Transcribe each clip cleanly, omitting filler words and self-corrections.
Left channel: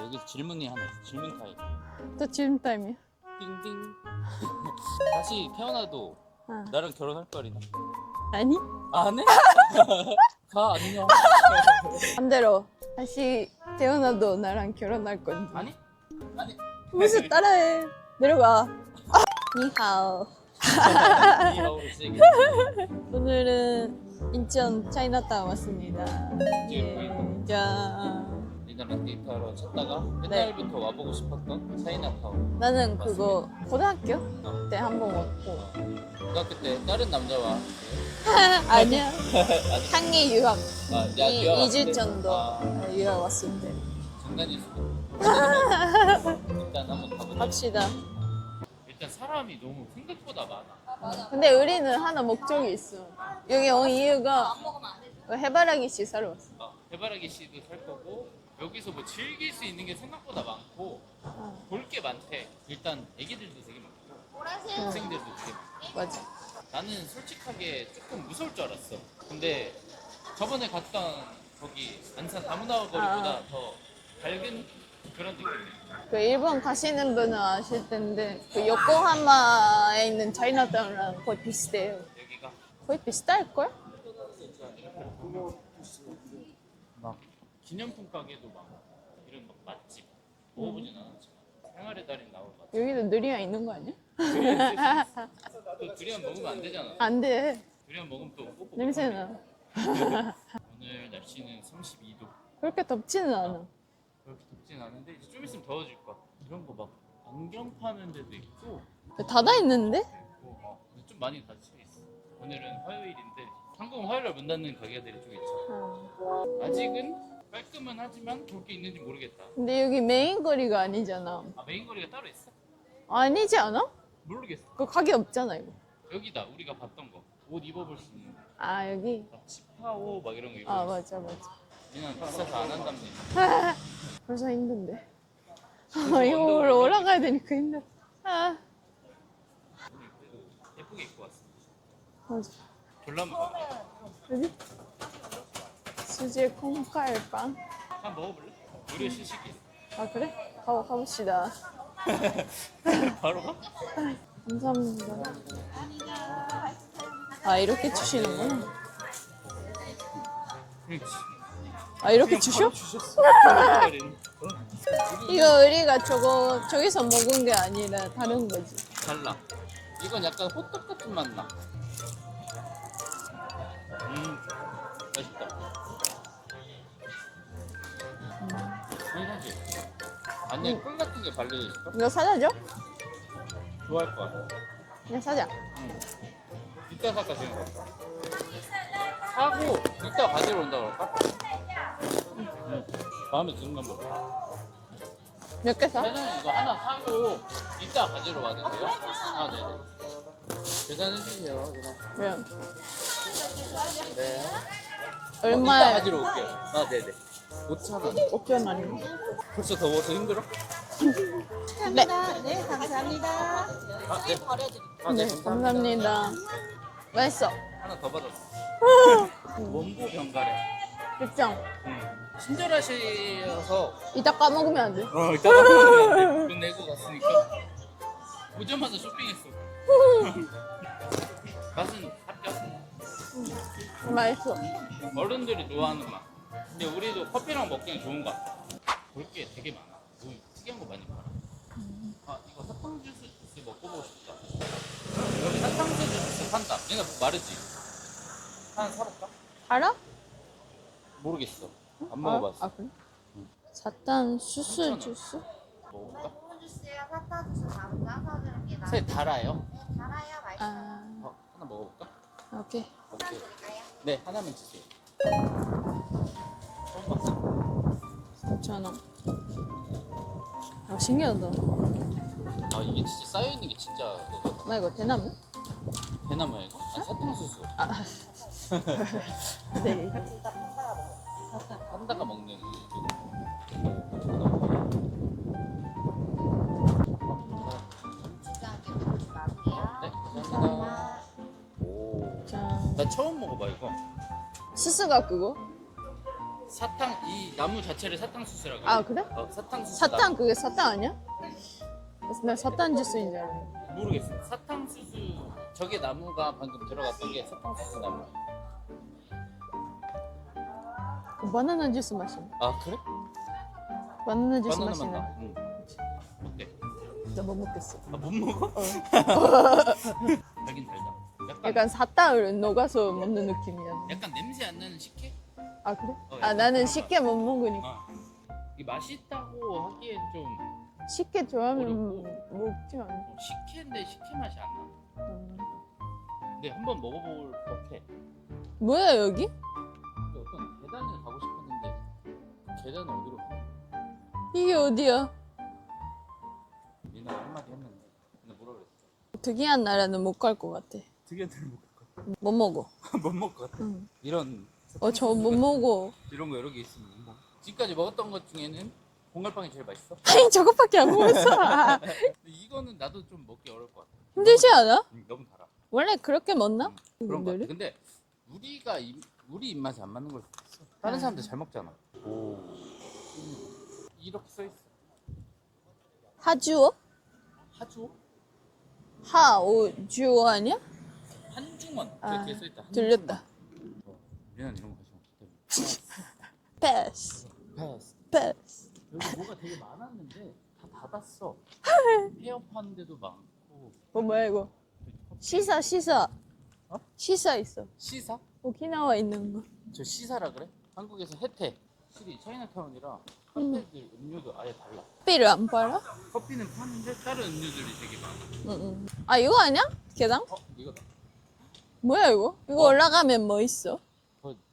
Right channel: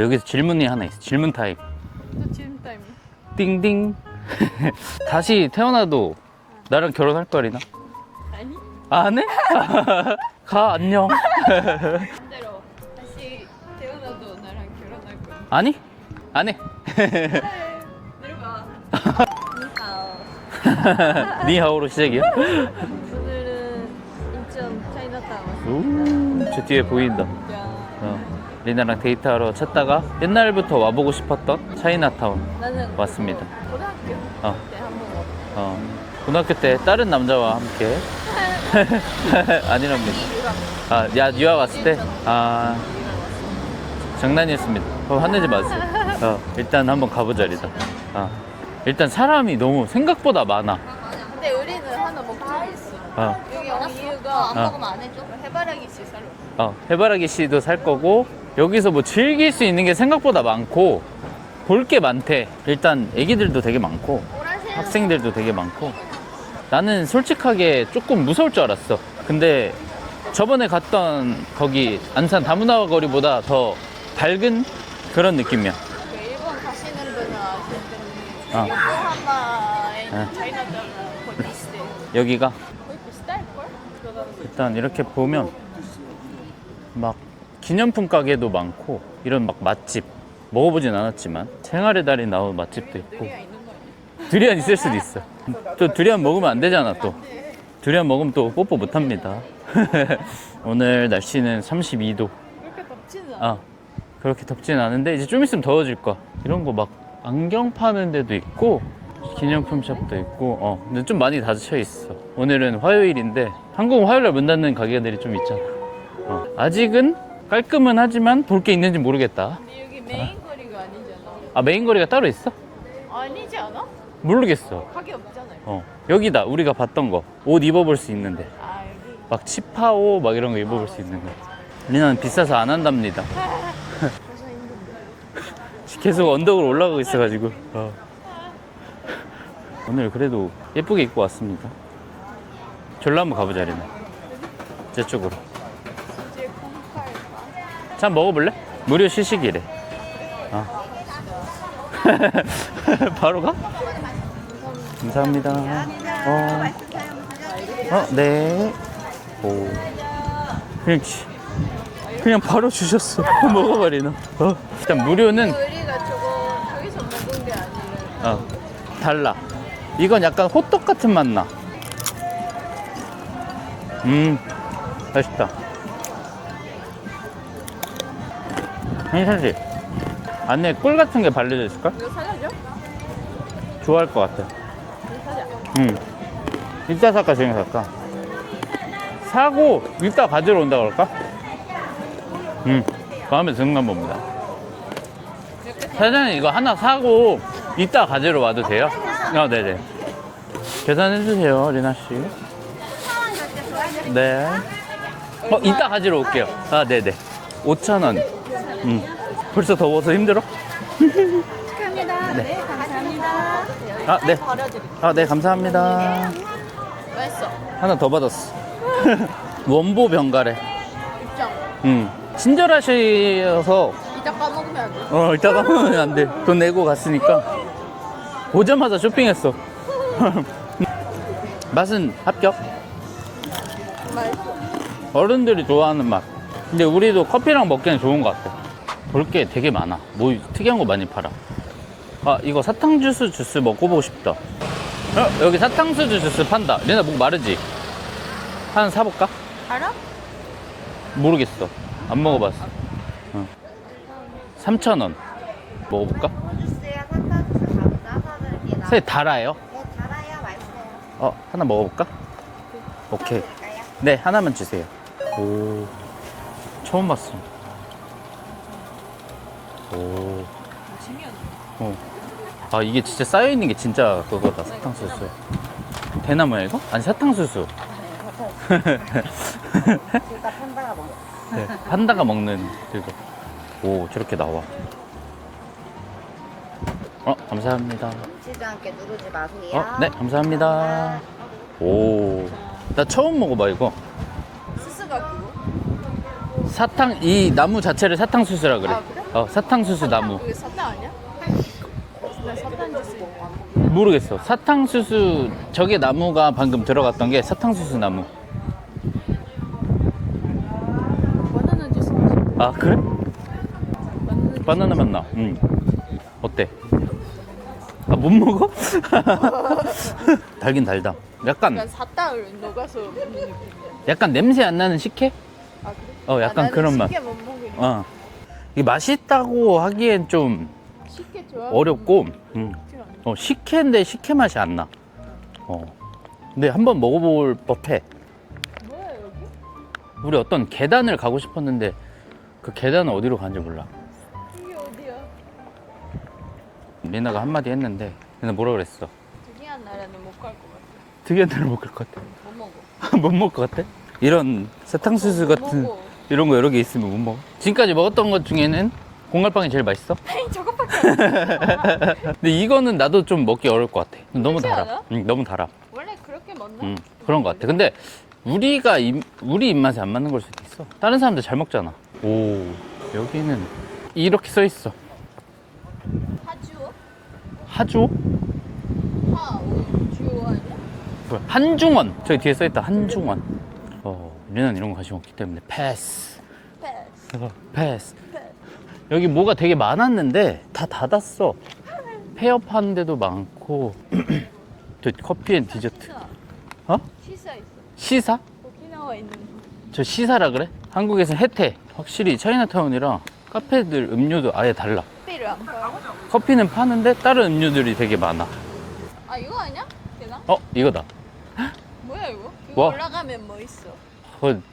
여기서 질문이 하나 있어. 질문 타임. 또 질문 타임이야. 띵띵. 다시 태어나도 나랑 결혼할 거리나? 아니? 안 해? 가 안녕. 반대로 다시 태어나도 나랑 결혼할 건. 아니? 안 해. 따라해. 내려가. 니하오. 니하오로 시작이야? 오늘은 인천 차이나타운 왔습니다. 저 뒤에 보인다. 야. 리나랑 데이트하러 찾다가 옛날부터 와보고 싶었던 차이나타운. 나는 왔습니다. 그거 고등학교 어. 때 한번 고등학교 때 다른 남자와 함께 아니 아니랍니다. 한기 유학 유학 왔을 때? 2주 전 유학 왔어. 장난이었습니다. 화내지 마세요. 일단 한번 가보자, 리나. 갑시다. 일단 사람이 너무 생각보다 많아. 근데 우리는 하나 목적이 있어. 여기 온 이유가 그 해바라기 씨 사러 왔어. 해바라기 씨도 살 거고, 여기서 뭐 즐길 수 있는 게 생각보다 많고, 볼 게 많대. 일단 애기들도 되게 많고, 학생들도 되게 많고. 나는 솔직하게 조금 무서울 줄 알았어. 근데 저번에 갔던 거기 안산 다문화 거리보다 더 밝은 그런 느낌이야. 그 일본 가시는 분은 아실 텐데 어. 요코하마에 있는 차이나타운이랑 거의 비슷해요. 여기가 거의 비슷할걸? 일단 이렇게 보면 막 기념품 가게도 많고, 이런 막 맛집 먹어보진 않았지만 생활의 달인 나온 맛집도 여기는 있고. 느리가 있는 거 아니야? 두리안 있을 수도 있어. 또 두리안 먹으면 안 되잖아. 또 안 돼. 두리안 먹으면 또 뽀뽀 못 합니다. 오늘 날씨는 32도. 그렇게 덥지는 않아. 그렇게 덥진 않은데 이제 좀 있으면 더워질 거야. 이런 거 막 안경 파는 데도 있고, 닫아 있는데? 샵도 있고. 근데 좀 많이 닫혀 있어. 오늘은 화요일인데 한국은 화요일에 문 닫는 가게들이 좀 있잖아. 아직은 깔끔은 하지만 볼 게 있는지 모르겠다. 근데 여기 메인 거리가 아니잖아. 메인 거리가 따로 있어? 아니지 않아? 모르겠어. 그 가게 없잖아요. 여기다 우리가 봤던 거. 옷 입어볼 수 있는데 여기. 막 치파오 막 이런 거 입어볼 수 맞아, 있는 거. 리나는 비싸서 안 한답니다. 벌써 힘든데. 계속 언덕을 올라가고 올라가야 있어가지고. 되니까. 오늘 그래도 예쁘게 입고 왔습니다. 맞아. 절로 한번 가보자, 리나. 저쪽으로. 수제 콩칼빵. 자, 먹어볼래? 무료 시식이래. 그래? 가봅시다. 바로 가? 감사합니다. 감사합니다. 이렇게 주시네. 네. 이렇게 그냥 주셔? 바로 주셨어. 먹어봐, 리나. 일단 무료는 이거 우리가 저기서 먹은 게 아니라 다른 거지. 달라. 이건 약간 호떡 같은 맛 나. 맛있다. 괜찮지? 안에 꿀 같은 게 발려져 있을까? 이거 사자죠? 좋아할 것 같아. 이거 사자. 이따 살까, 지금 살까? 사고 이따 가지러 온다 그럴까? 마음에 드는 건 봅니다. 몇 개 사? 사장님 이거 하나 사고 이따 가지러 와도 돼요? 네네. 계산해주세요, 리나 씨. 네. 이따 가지러 올게요. 네네. 5,000원. 벌써 더워서 힘들어? 네. 감사합니다. 네. 네, 감사합니다. 맛있어. 하나 더 받았어. 원보 병가래. 입장. 친절하셔서 이따 까먹으면 안 돼. 이따가 보면 안 돼. 돈 내고 갔으니까. 보자마자 쇼핑했어. 맛은 합격. 맛있어. 어른들이 좋아하는 맛. 근데 우리도 커피랑 먹기엔 좋은 것 같아. 볼 게 되게 많아. 뭐 특이한 거 많이 팔아. 이거 사탕주스 먹어보고 싶다. 여기 사탕수수 주스 판다. 리나 목 마르지? 하나 사볼까? 알아? 모르겠어. 안 먹어봤어. 사탕 수수. 3,000원. 먹어볼까? 주스야 사탕주스 감자 사드릴게요. 새 달아요? 네, 달아요. 맛있어요. 하나 먹어볼까? 오케이. 오케이. 드릴까요? 네, 하나만 주세요. 처음 봤어. 오. 신기하다. 이게 진짜 쌓여있는 게 진짜 그거다. 이거 사탕수수. 대나무. 대나무야, 이거? 아니, 사탕수수. 둘다 판다가 먹어. 네, 판다가 먹는 그거. 오, 저렇게 나와. 감사합니다. 치지 않게 누르지 마세요. 네, 감사합니다. 오, 나 처음 먹어봐, 이거. 수수가 그거? 사탕 이 나무 자체를 사탕수수라 그래. 아, 그래? 사탕수수 사탕 나무. 그게 사탕 아니야? 나 사탕 주스 있는 거. 모르겠어. 사탕수수 저게 나무가 방금 들어갔던 게 사탕수수 나무. 바나나 주스 마셔. 아 그래? 바나나 주스 바나나 마셔. 맛 나. 응. 어때? 못 먹겠어. 아 못 먹어? 달긴 달다. 약간 약간 사탕을 녹아서 먹는 느낌이야. 약간 냄새 안 나는 식혜? 아 그래? 약간 나는 그런 맛. 쉽게 못 먹으니까. 어. 이게 맛있다고 하기엔 좀 쉽게 좋아. 어렵고, 쉽지 않아. 식혜인데 식혜 맛이 안 나. 근데 한번 먹어볼 법해. 뭐야 여기? 우리 어떤 계단을 가고 싶었는데 그 계단은 어디로 가는지 몰라. 이게 어디야? 리나가 한마디 했는데 리나 뭐라 그랬어? 특이한 나라는 못 갈 것 같아. 특이한 데를 못 갈 것 같아. 못 먹어. 못 먹을 것 같아? 이런 사탕수수 못 같은 먹어. 이런 거 여러 개 있으면 못 먹어. 지금까지 먹었던 것 중에는 공갈빵이 제일 맛있어. 아니 저것밖에 안 먹었어. 근데 이거는 나도 좀 먹기 어려울 것 같아. 너무 힘들지 달아. 않아? 응, 너무 달아. 원래 그렇게 먹나? 그런 것 같아. 근데 우리 입맛에 안 맞는 걸 수도 있어. 다른 사람들 잘 먹잖아. 오, 여기는 이렇게 써 있어. 하주어? 하주오? 하오주어 아니야? 뭐야? 한중원. 저기 뒤에 써 있다. 한중원. 리나는 이런 거 관심 없기 때문에 패스. 패스. 패스. 패스. 여기 뭐가 되게 많았는데 다 닫았어. 폐업하는 데도 많고. 뭐야 이거? 저 커피 앤 시사 디저트. 시사. 어? 시사 있어. 시사? 오키나와 있는 거. 저 시사라 그래? 한국에서 혜태. 확실히 차이나타운이랑 카페들 음료도 아예 달라. 커피를 안 팔아? 커피는 파는데 다른 음료들이 되게 많아. 아 이거 아니야? 계단? 이거다. 뭐야 이거? 이거 와. 올라가면 뭐 있어?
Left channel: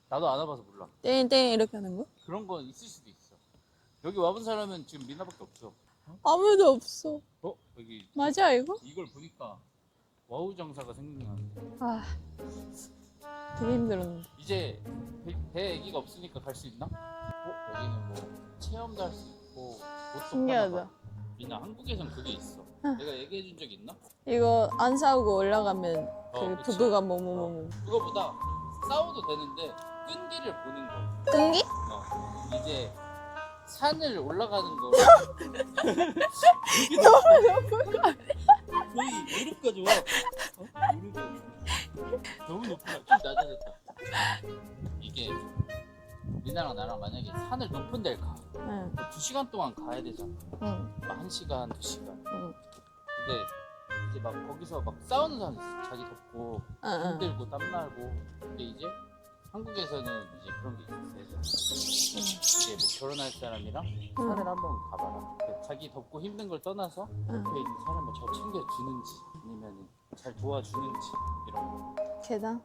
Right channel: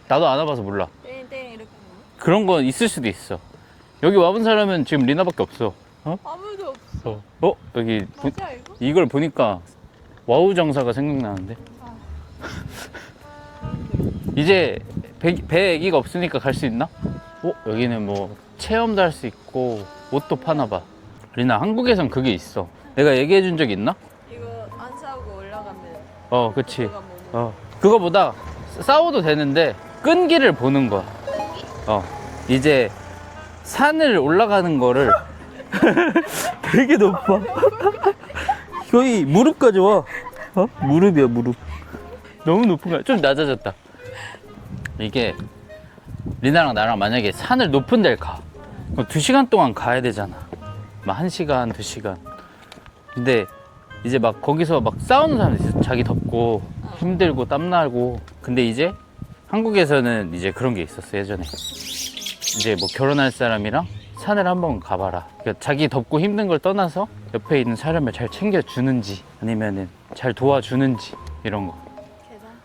나도 안 와봐서 몰라. 땡땡 이렇게 하는 거? 그런 거 있을 수도 있어. 여기 와본 사람은 지금 리나밖에 없어. 아무도 없어. 여기 맞아 이거? 이걸 보니까 와우 정사가 생각나는데. 아 되게 힘들어. 이제 배 애기가 없으니까 갈 수 있나? 여기는 뭐 체험도 할 수 있고 옷도 파나 봐. 신기하다. 리나 한국에선 그게 있어. 내가 얘기해 준 적 있나? 이거 안 사고 올라가면 그치. 구두가 뭐 먹는 그거보다 싸워도 되는데 끈기를 보는 거야. 뜬기? 이제 산을 올라가는 거를 되게 높아. 거의 무릎까지 와. 무릎이야, 무릎. 너무 높은 거야. 좀 낮아졌다. 이게 리나랑 나랑 만약에 산을 높은 데를 가. 그럼 2시간 동안 가야 되잖아. 막 1시간, 2시간. 근데 이제 막 거기서 막 싸우는 사람들 있어. 자기 덥고 힘들고 땀나고. 근데 이제 한국에서는 이제 그런 게 있었어, 예전에. 이제 뭐 결혼할 사람이랑 산을 한번 가봐라. 그러니까 자기 덥고 힘든 걸 떠나서 옆에 있는 사람을 잘 챙겨주는지 아니면은 잘 도와주는지 이런 거. 계단?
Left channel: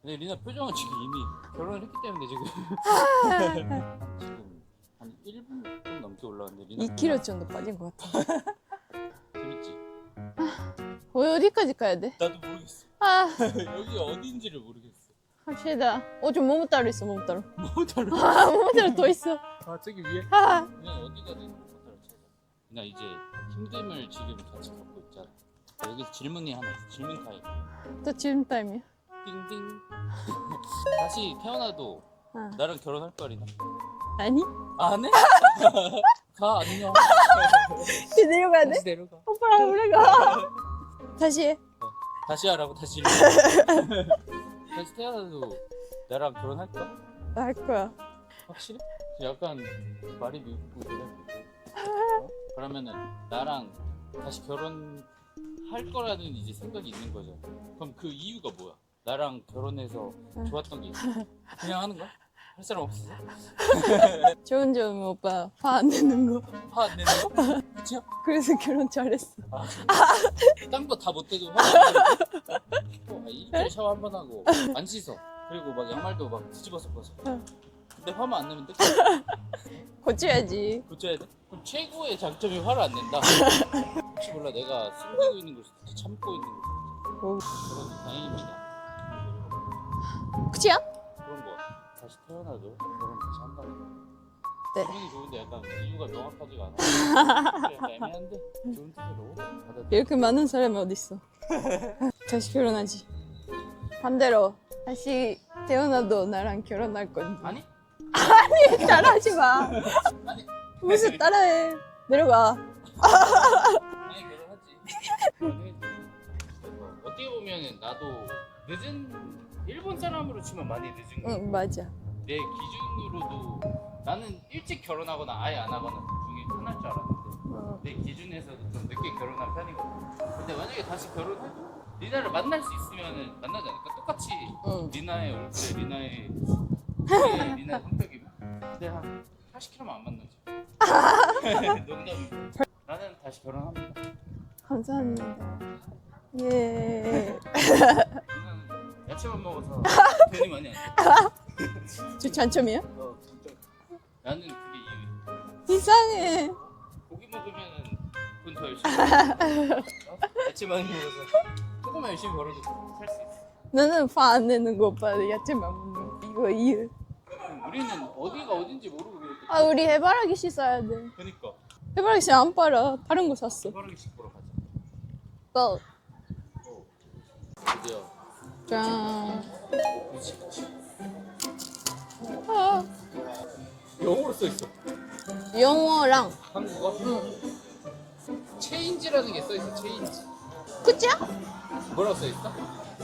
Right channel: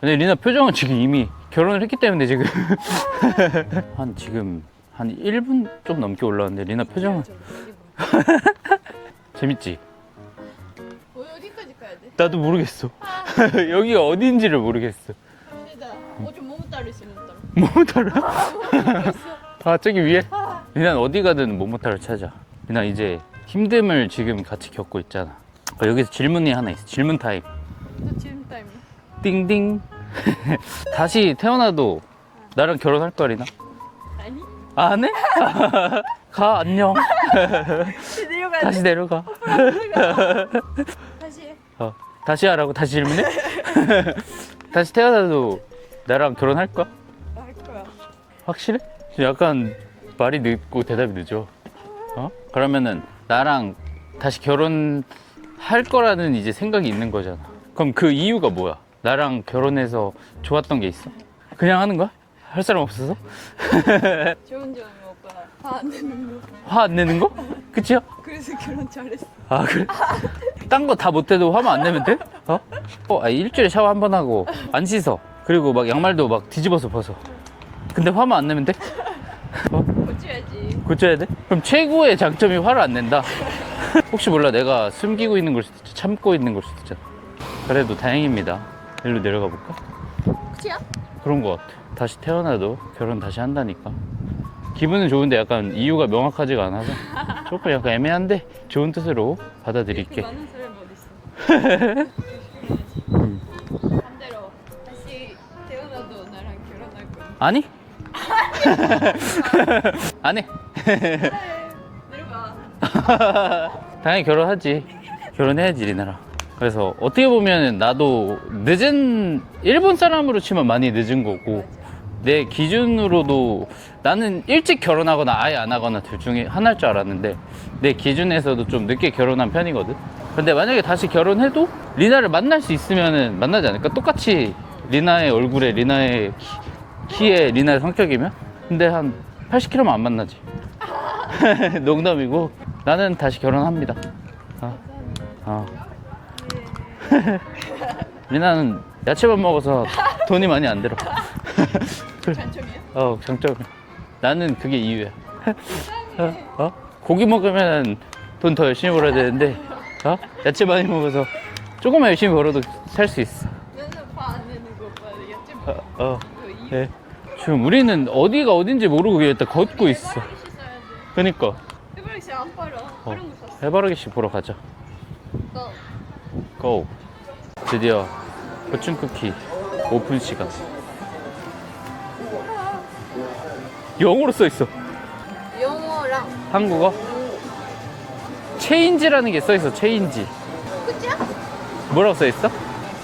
근데 리나 표정은 지금 이미 결혼을 했기 때문에 지금 지금 한 1분 좀 넘게 올라왔는데 리나 2km 표정은 정도 빨리 뭐. 재밌지? 어디까지 가야 돼? 나도 모르겠어. 여기가 어딘지를 모르겠어. 갑시다. 좀 모모타로 있어 모모타로. 모모타로? 모모타로 또 있어. 저기 위에? 리나는 어디 가든 모모타로 찾아. 리나 이제 힘듦을 지금 같이 겪고 있잖아. 여기서 질문이 하나 있어. 질문 타임. 또 지금 타임이야? 띵띵. 다시 태어나도 나랑 결혼할 거야, 리나? 아니? 안 해? 가, 안녕. 내려가야 다시 내려가. 다시 해. 다시 하라고? 다시 질문해? 다시 태어나도 나랑 결혼할 거야? 할 거야. 확실해? 약간 말이 늦고 대답이 늦어. 그러면은 나랑 다시 결혼할 거라는 이제 생각이 있는 거잖아. 그럼 그 이유가 뭐야? 나랑 결혼해서 좋았던 게 있어? 그냥 하는 거야? 할 사람 없어서? 좋은 점이 오빠 화 안 내는 거. 화 안 내는 거? 그치요? 그래서 결혼 잘했어. 그래? 딴 거 다 못해도 화만 안 내면 돼? 일주일에 샤워 한 번 하고 안 씻어. 그리고 막 양말도 막 뒤집어서 벗어. 근데 화만 안 내면 돼? 고쳐야지. 고쳐야 돼? 그럼 최고의 장점이 화를 안 낸다. 혹시 몰라 내가 숨기고 있는 걸 수도 있지, 참고 있는 걸 수도 있잖아. 그래도 다행입니다. 일로 내려가 볼까? 그치야? 그런 거 같아. 다시 태어나도 결혼 다시 한다니까. 기분은 좋은데 약간 이유가 명확하지가 않아. 조금 약간 애매한데 좋은 뜻으로 받아들일게. 이렇게 많은 사람이 어딨어. 다시 결혼하지. 반대로 다시 태어나도 나랑 결혼할 건. 아니? 따라하지 마. 안 해. 따라해. 내려가. 당연히 결혼하지. 결혼해야지 리나랑. 그래서 어떻게 보면 나도 늦은 일본 사람으로 치면 많이 늦은 거고 맞아. 내 기준으로도 나는 일찍 결혼하거나 아예 안 하거나 둘 중에 하나일 줄 알았는데 내 기준에서도 좀 늦게 결혼한 편이거든. 근데 만약에 다시 결혼해도 리나를 만날 수 있으면은 만나지 않을까? 똑같이 리나의 얼굴에 리나의 키에 리나의 성격이면? 근데 한 80kg만 안 만나지. 농담이고 나는 다시 결혼합니다. 감사합니다. 어. 예. 리나는 야채만 먹어서 돈이 많이 안 들어. 저 장점이야? 장점. 나는 그게 이유야. 이상해. 고기 먹으면 돈 더 열심히 벌어야 되는데, 야채 많이 먹어서 조금만 열심히 벌어도 살 수 있어. 나는 화 안 내는 거 오빠 야채 먹어. 이거 이유. 네. 지금 우리는 어디가 어딘지 모르고 그냥 일단 걷고 우리 있어. 해바라기 씨 사야 돼. 그니까 해바라기 씨 안 팔아. 다른 거 샀어. 해바라기 씨 보러 가자. 고. 고. 드디어 포춘 쿠키 오픈 시간. 영어로 써 있어. 영어랑 한국어? 체인지라는 게 써 있어. 체인지. 그치야? 뭐라고 써 있어?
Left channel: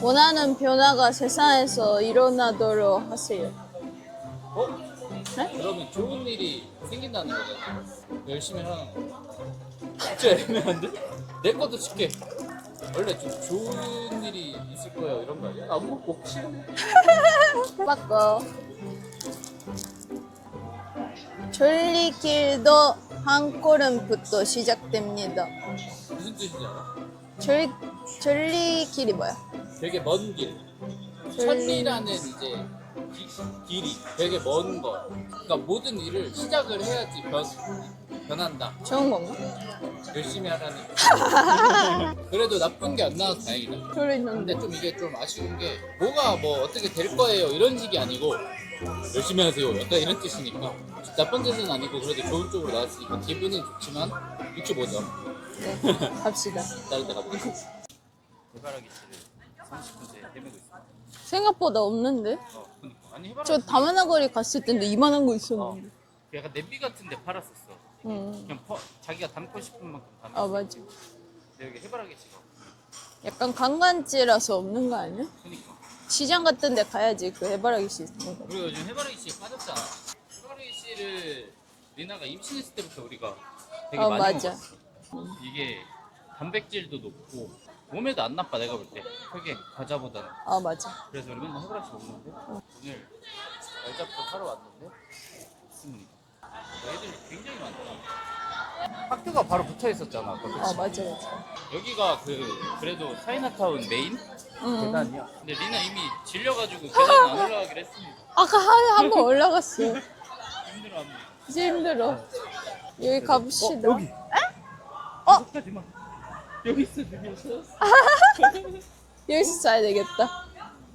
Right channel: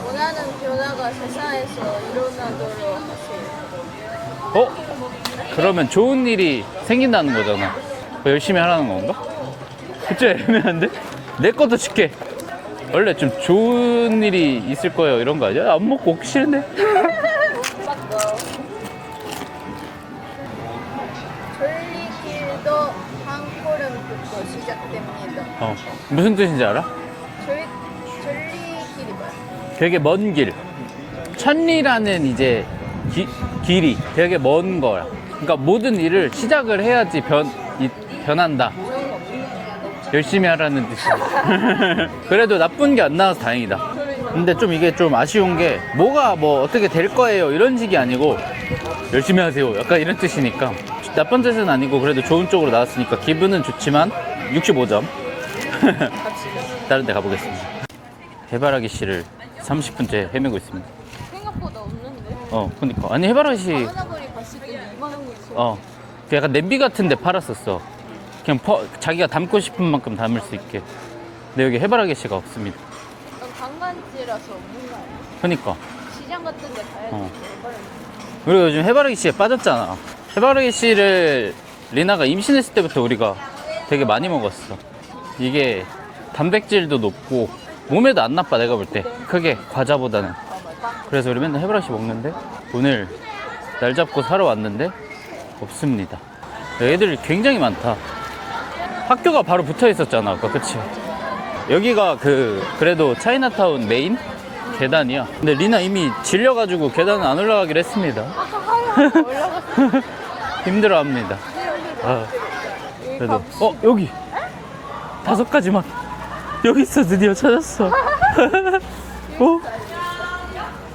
원하는 변화가 세상에서 일어나도록 하세요. 그러면 좋은 일이 생긴다는 거잖아. 열심히 하라는 건가? 진짜 애매한데? 내 것도 줄게. 원래 좀 좋은 일이 있을 거예요 이런 거 아니야? 안 먹고 오기 싫은데? 맞다. 졸리길도 한 걸음부터 시작됩니다. 무슨 뜻인지 알아? 졸리길이 뭐야? 되게 먼 길. 천리라는 이제 길이 되게 먼 거야. 그러니까 모든 일을 시작을 해야지 변한다. 좋은 건가? 열심히 하라는 뜻이야. 그래도 나쁜 게 안 나와서 다행이다. 근데 좀 이게 좀 아쉬운 게 뭐가 뭐 어떻게 될 거예요 이런 식이 아니고 열심히 하세요 약간 이런 뜻이니까 나쁜 뜻은 아니고 그래도 좋은 쪽으로 나왔으니까 기분은 좋지만 65점. 갑시다. 다른 데 가보겠습니다. 해바라기 씨를 30분째 헤매고 있습니다. 생각보다 없는데? 그니까. 아니 해바라기 씨 저 가마나거리 갔을 때도 이만한 거 있어. 그 약간 냄비 같은 데 팔았었어. 그냥 자기가 담고 싶은 만큼 담을 수 맞아. 있게. 근데 여기 해바라기 씨가 없습니다. 약간 관광지라서 없는 거 아니야? 그니까. 시장 같은 데 가야지 그 해바라기 씨. 그리고 요즘 해바라기 씨에 빠졌잖아. 해바라기 씨를 리나가 임신했을 때부터 우리가 되게 많이 맞아. 먹었어. 이게 단백질도 높고 몸에도 안 나빠 내가 볼 때. 크게 과자보다는. 맞아. 그래서 우리 맨날 해바라기 씨 먹는데 오늘 날 잡고 사러 왔는데 없습니다. 애들 굉장히 많다. 학교가 바로 붙어 있었잖아 아까 그치? 맞아. 여기가 그래도 차이나타운 메인 계단이야. 근데 리나 이미 질려가지고 계단은 안 올라가기로 했습니다. 아까 한번 올라갔어. 힘들어합니다. 진짜 힘들어. 여기 그래도 갑시다. 여기 5가지만 여기 있어. 드디어 찾았어. 여기서 사야 되겠다.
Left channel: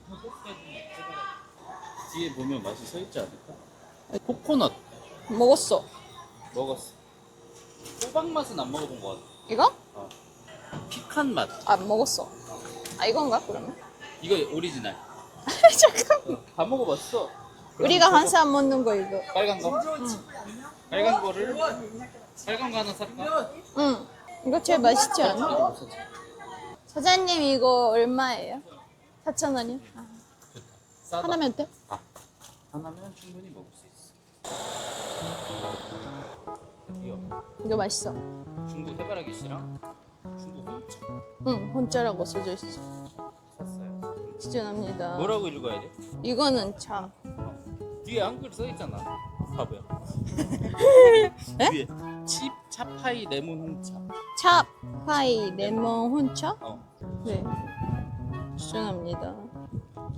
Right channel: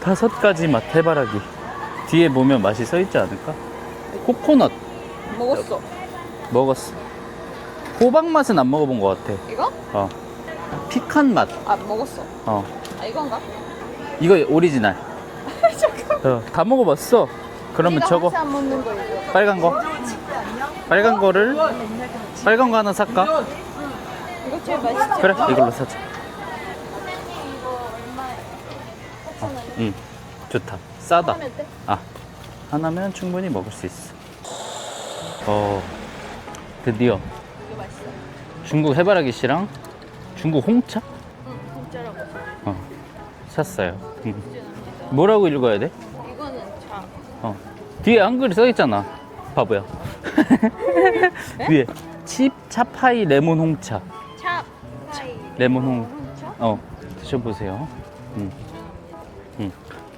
5가지 맛 해바라기. 뒤에 보면 맛이 써 있지 않을까? 코코넛 먹었어. 먹었어. 호박 맛은 안 먹어본 것 같아. 이거? 피칸 맛. 먹었어. 이건가? 이거 오리지널. 잠깐. 다 먹어봤어. 그러면 우리가 저거 항상 먹는 거 이거. 빨간 거. 빨간 거 하나 살까? 응. 이거 제일 맛있지? 그래 이걸로 사자. 사장님 이거 얼마예요? 4,000원이요? 응 좋다. 싸다. 하나면 돼? 하나면 충분히 먹을 수 있어. 드디어 이거 맛있어. 중국 해바라기 씨랑 중국 홍차 응, 홍짜라고 써져 있어. 샀어요. 추천합니다. 뭐라고 읽어야 돼? 이거는 참. 뒤에 한글이 써 있잖아. 바보야. 뒤에 칩 차파이 레몬 홍차. 차파이 레몬 레몬 홍차? 드셔보세요. 추천합니다.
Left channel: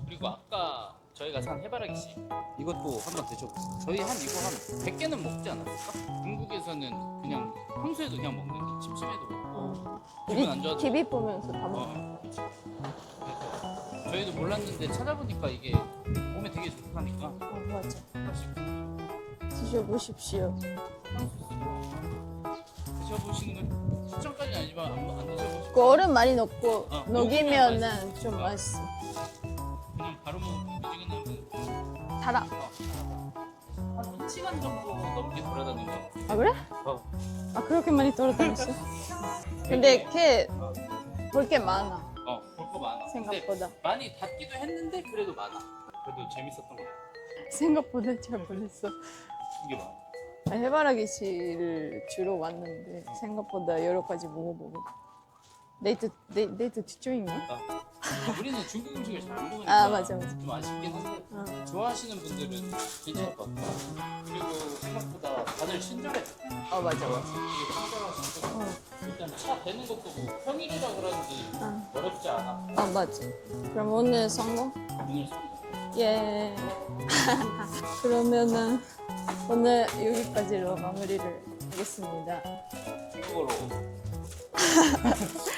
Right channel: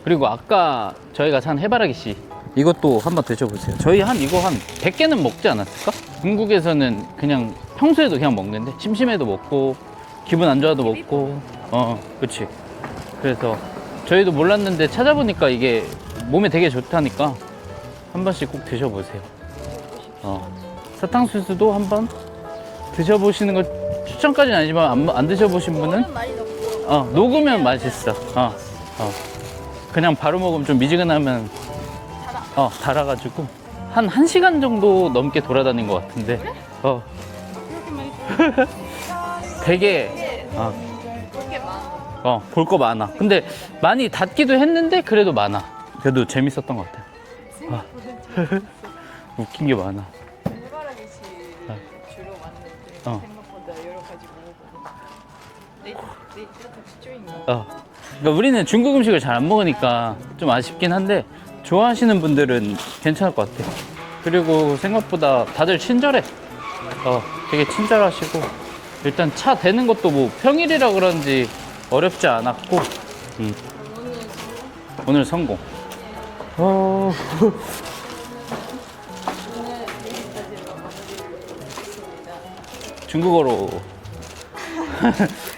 그리고 아까 저희가 산 해바라기 씨 이것도 한번 드셔보세요. 저희 이거 한 100개는 먹지 않았을까? 중국에서는 그냥 평소에도 그냥 먹는데 심심해도 먹고 기분 안 좋아도 먹고 그치. 그래서 저희도 몰랐는데 찾아보니까 이게 몸에 되게 좋다니까 한 번씩 꼭 드셔보세요. 드셔보십시오. 사탕수수도 한번 드셔보시는 거 추천까지는 아니지만 안 드셔보신 분은 얼음 많이 넣고 녹으면 맛있어. 그냥 바로 먹으면 좀 미지근하면 달아. 달아가지고 한 1시간 정도 넘게 돌아다닌 것 같은데. 그래? 어, 아, 그렇게 많이 돌아다녔어? 되게, 어, 볼게 많아. 볼 거 많아. 근데 많이 닫기도 했는데 그래도 많아. 그래도 재밌었던 것 같아. 생각보다 좀 있어. 웃긴 게 많아. 해바라기씨를 주로 왔는데 어. 생각보다 여러 가지 먹어보니까 데이트 집중인가? 그러니까 우리는 중국 음식을 잘 안 먹으니까 맞아. 좀 아쉽긴 한데 좋아하시는 분들은 괜찮을 것 같아. 그리고 생각보다 다들 친절해. 되게 친절하시고 일단 차 대는 것도 뭐 평일이라 그런지 어렵지 않았고 맞지. 그럼 오늘 성공? 오늘 성공. 예. 어... 그러면은 오늘 여기까지로 마무리를 하겠습니다. 중국어로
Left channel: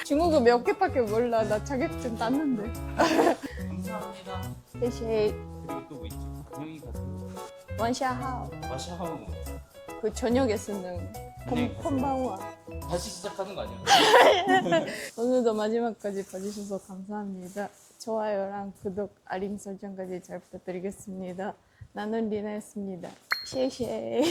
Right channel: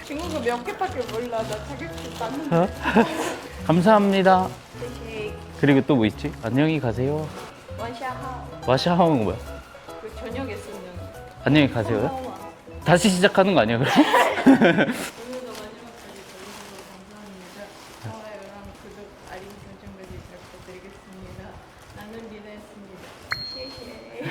중국어 몇 개밖에 몰라. 나 자격증 땄는데. 감사합니다. 대시 그리고 또 뭐 있지? 안녕히 가세요. 원샤하오. 마샤하오는 뭐야? 그 저녁에 쓰는. 안녕히 가세요. 다시 시작하는 거 아니야 그럼? 오늘도 마지막까지 봐주셔서 감사합니다. 좋아요랑 구독, 알림 설정까지 잘 부탁드리겠습니다. 나는 리나였습니다. 시에시에.